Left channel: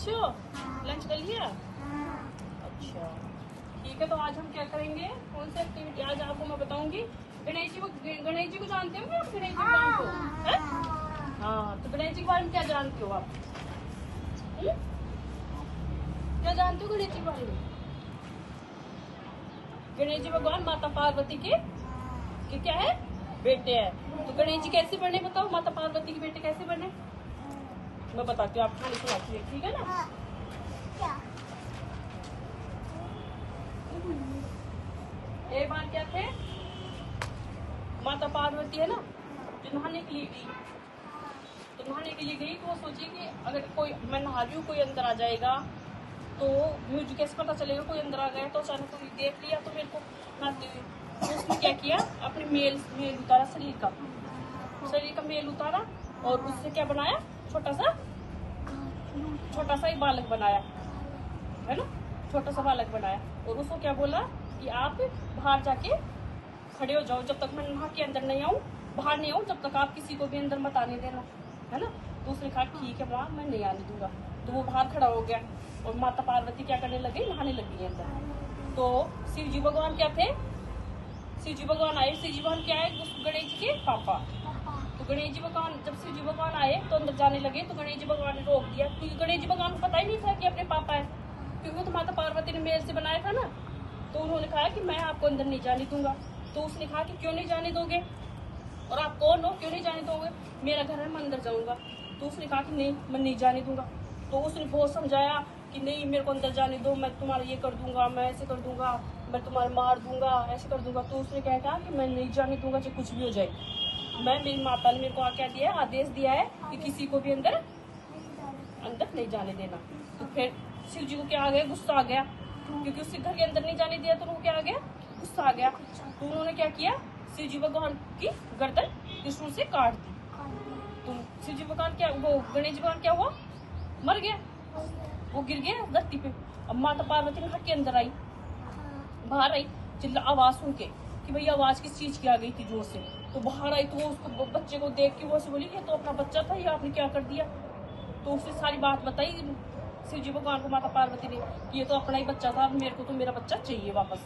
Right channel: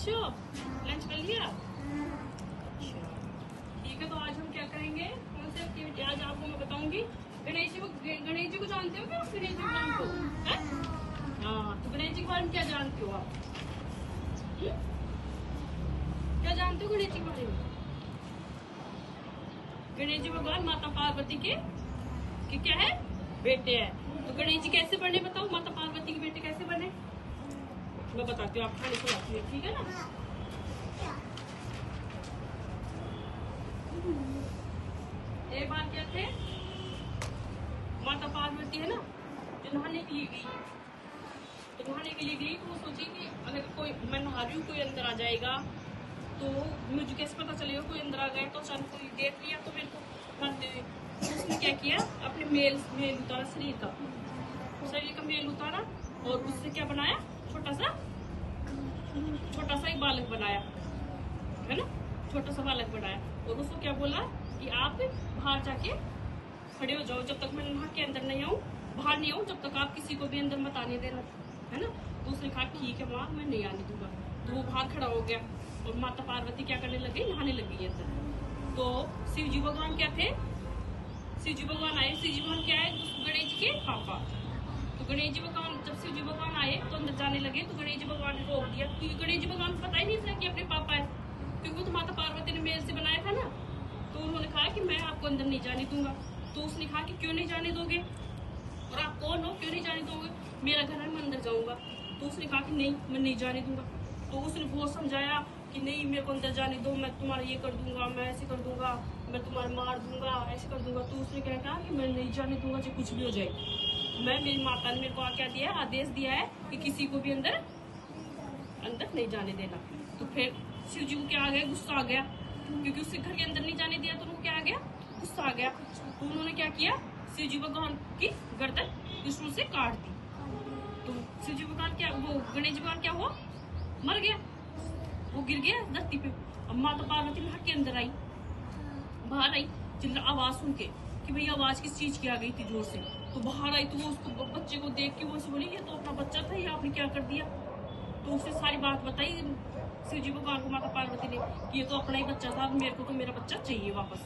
अच्छे हो? लंच कर लिया? अच्छा ठीक है, तो आज हम क्या करेंगे, कौन सी एक्टिविटी आज आपको मैं बताऊंगी। गणेश जी को जानते हो ना? गणेश जी भगवान को हाँ, तो गणेश जी के बारे में क्या जानते हो आप? क्या जानते हो गणेश जी के बारे में? गणेश जी भगवान माता पार्वती के क्या है, बेटे हैं। तो गणेश जी कैसे बने बताओ, माता पार्वती के बेटे कैसे बने? मैं बताती हूँ, आप खाली सुनाती है, ठीक है ना? एक बार क्या थे, माता पार्वती है ना, जो नहाने के लिए गई, तो नहाने के लिए गई तो वो सोची कि अगर कोई, मैं नहा रही हूँ, कोई अंदर आ जाएगा तो मुझे कैसे पता चलेगा कोई अंदर आ गया, तो अचानक कोई देख लिया तो मेरे को नहाते हुए। तो उसने क्या किया, अपने मेल उतारा, शरीर का मेल उतारा और उससे क्या बनाया, छोटा सा एक बालक बनाया, है ना, छोटा सा बालक बनाया। और उसको क्या बोला कि आप बाहर जाके खड़े हो जाओ, जब तक मैं नहा के अंदर नहीं आऊँ, बाहर नहीं आऊँ, जब तक आप किसी को भी अंदर मत आने देना, है ना। तो उसने कहा ठीक है माँ, मैं नहीं आने दूंगा। तो वो बाहर खड़ा हो गया और माता पार्वती क्या करने लगी, नहाने लगी अंदर। तो शिव जी भगवान क्या थे, शिव जी भगवान आए। शिव जी भगवान क्या है, गणेश जी के पापा। तो गणेश जी भगवान, जब शिव जी भगवान आए तो अंदर जाने लगे, तो गणेश जी भगवान ने रोक दिया, क्योंकि गणेश जी भगवान को पता ही नहीं था कि अपने पापा है, क्योंकि वो तो माता पार्वती ने मेल से बनाया था ना। तो उन्होंने कहा कि मैं आपको अंदर नहीं जाने दूंगा। तो उसने कहा कि क्यों नहीं जाने दोगे, और आप कौन हो, क्यों नहीं जाने दोगे, मेरा घर है, मैं अंदर जाऊंगा। तो उसने कहा कि नहीं, मैं नहीं जाने दूंगा। तो उसने बहुत समझाया कि नहीं, मेरे को अंदर जाने दो, मैं तुम्हारा ये कर दूंगा, मैं ऐसे कर दूंगा, मैं तुम्हारा मार दूंगा, ऐसे कर दूंगा। तो उसने क्या कहा कि मैं नहीं जाने दूंगा, चाहे कुछ भी हो जाए। मेरी माता ने मेरे को क्या दिया, आदेश दिया है कि किसी को भी अंदर नहीं जाने देना। तो फिर शिव जी को क्या आ गया, गुस्सा आ गया, क्योंकि उसके घर के अंदर नहीं जाने दिया, तो उनको क्या आ गया, गुस्सा आ गया। तो उन्होंने क्या किया, शिव जी भगवान की गर्दन त्रिशूल से काट दी। तो शिव जी भगवान क्या, वो गणेश जी भगवान क्या हुआ, मर गया, वो गिर गया धरती पे। अब माता पार्वती नहा के अंदर आई, बाहर आई, चिल्ला आवाज सुन के कि भैया आवाज किस चीज की आ गई थी जोर से। तो बाहर आई तो वो उसको बच्चे को देख के वो बोली, ये तो अपना बच्चा था, ये आपने क्या कर दिया। तो उसने सारी बात बताई शिव जी भगवान को, माता पार्वती ने, कि ये तो अपना ही बच्चा था, मेरे को तो मेरा बच्चा चाहिए वापस।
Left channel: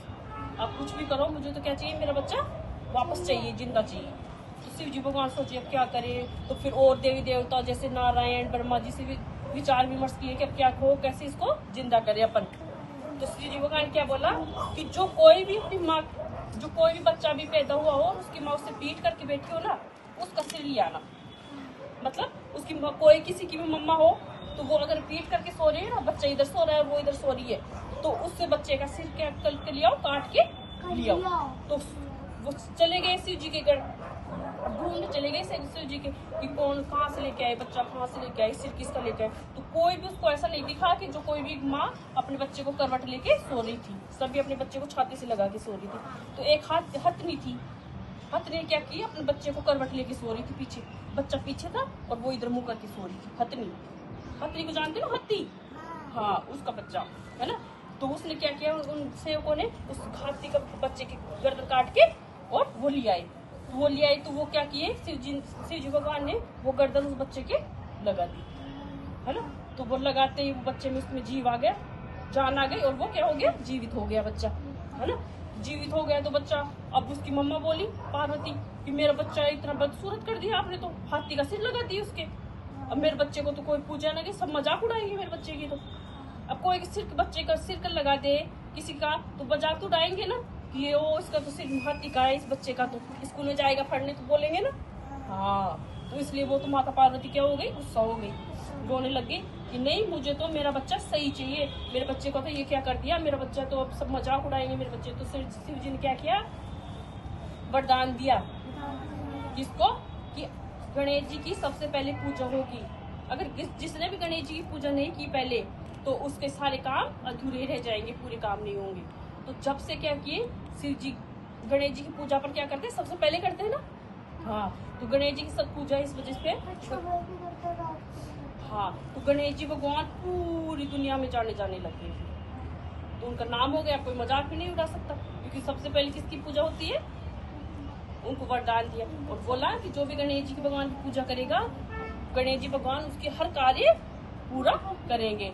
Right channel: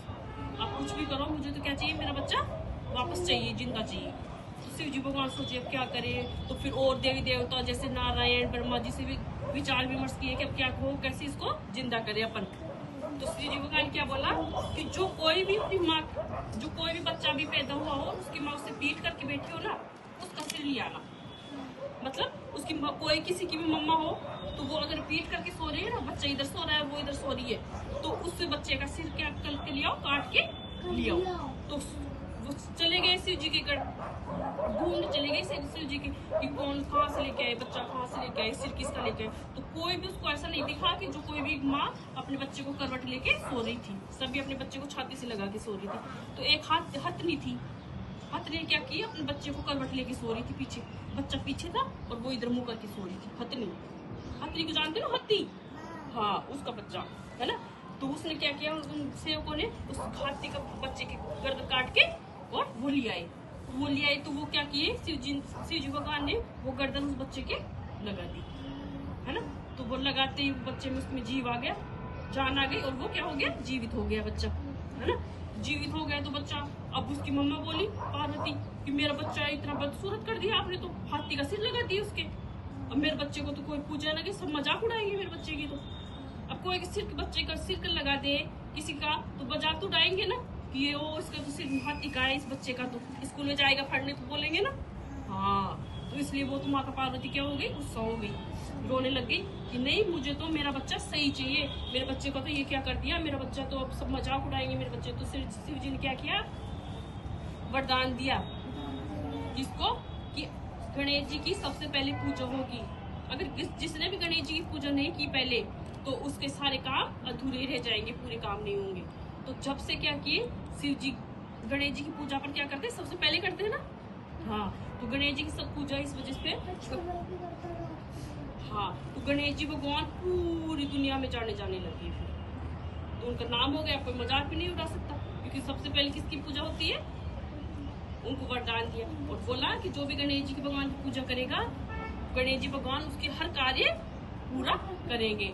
आप कुछ भी करो, मुझे तो क्या चाहिए, मेरा बच्चा वापस चाहिए, जिंदा चाहिए। तो शिव जी भगवान सोचे अब क्या करे। तो फिर और देवी देवता जैसे नारायण, ब्रह्मा जी से भी विचार विमर्श किए कि अब क्या हो, कैसे इसको जिंदा करे अपन। तो शिव जी भगवान क्या बोला कि जो कोई भी बच्चा भी पैदा हुआ हो और उसकी माँ उससे पीट करके बैठी हो ना, उसका सिर ले आना। मतलब उसकी कोई किसी की भी मम्मा हो, तो वो अगर पीट करके सो रही है ना, बच्चा इधर सो रहा है, वो इधर सो रही है, तो उससे बच्चे का सिर क्या कल के लिया, काट के लिया। तो वो चले गए शिव जी के गढ़, ढूंढने चले गए शिव जी के कि कौन कहाँ से लेके आए, बच्चा कहाँ से लेके आए, सिर किसका लेके आए। तो कोई भी उसको ऐसा नहीं दिखा कि जो कोई भी माँ अपने बच्चे को करवट लेके सो रही थी, सभी अपने बच्चे को छाती से लगा के सो रही थी। तो एक हथनी थी, हथनी क्या की, अपने बच्चे को करवट लेके सो रही थी, पीछे बच्चा पीछे था और वो इधर मुंह करके सो रही थी। हथनी को जानते हो ना, हाथी, हाँ उसका बच्चा है ना। तो उसने क्या किया, उन सेवकों ने उस हाथी का बच्चे की गर्दन काट के और वो ले आए। तो वो क्या किए, शिव जी भगवान ने वो गर्दन उस बच्चे के लगा दी, है ना। तो वो लगाते ही वो बच्चे में उसमें जीव आ गया, जान आ गई, और वो क्या हो गया, जीवित हो गया बच्चा, है ना। जीवित हो गया तो बच्चा, अब उसकी मम्मा बोली पार्वती कि मेरा बच्चा इतना बदसूरत कर दिया आपने, तो हाथी का सिर लगा दिया उसके। अब मेरे बच्चे को तो कोई पूछा ना, कि सब मजाक उड़ाएंगे मेरे बच्चे की। तो अब कोई बच्चे का सिर कर लगा दे किसी का, तो मजाक तो उड़ाएंगे ना, कि ये वो इसका तो सिर हाथी का है, इस बच्चे का तो स्कूल में जाएगा पढ़ने, तो बोलेंगे ना। हाँ, तो इसलिए वो तो माता पार्वती क्या हो गई, गुस्सा हो गई, रोने लग गई कि नहीं, मुझे तो मेरा बच्चा सही चाहिए, मेरे बच्चे को तो ये क्या कर दिया, मेरा बच्चा तो अब सब मजाक उड़ाएंगे मेरे बच्चे। तो शिव जी ने क्या किया, वरदान दिया जिसको कि गणेश जी की सबसे पहले पूजा होगी। अगर जिसने भी गणेश जी की पूजा नहीं की पहले, तो उसके सारे काम अधूरे रह जाएंगे, पूरे काम नहीं होंगे। तो जब से क्या किए, शिव जी गणेश जी की पूजा पर क्या करते हैं, सबसे पहले करते हैं ना। हाँ, तो गणेश जी की सब पूजा इस वजह से, हाँ, तो गणेश जी भगवान पूरी दुनिया में जाने लगे, तो उनका नाम हो गया, कोई मजाक भी नहीं उड़ा सकता, क्योंकि सबसे पहले किसकी पूजा होती है, उनको वरदान दिया और बोला कि जो भी गणेश जी के भगवान की पूजा करेगा, गणेश जी भगवान उसके हर कार्य पूरा करेंगे।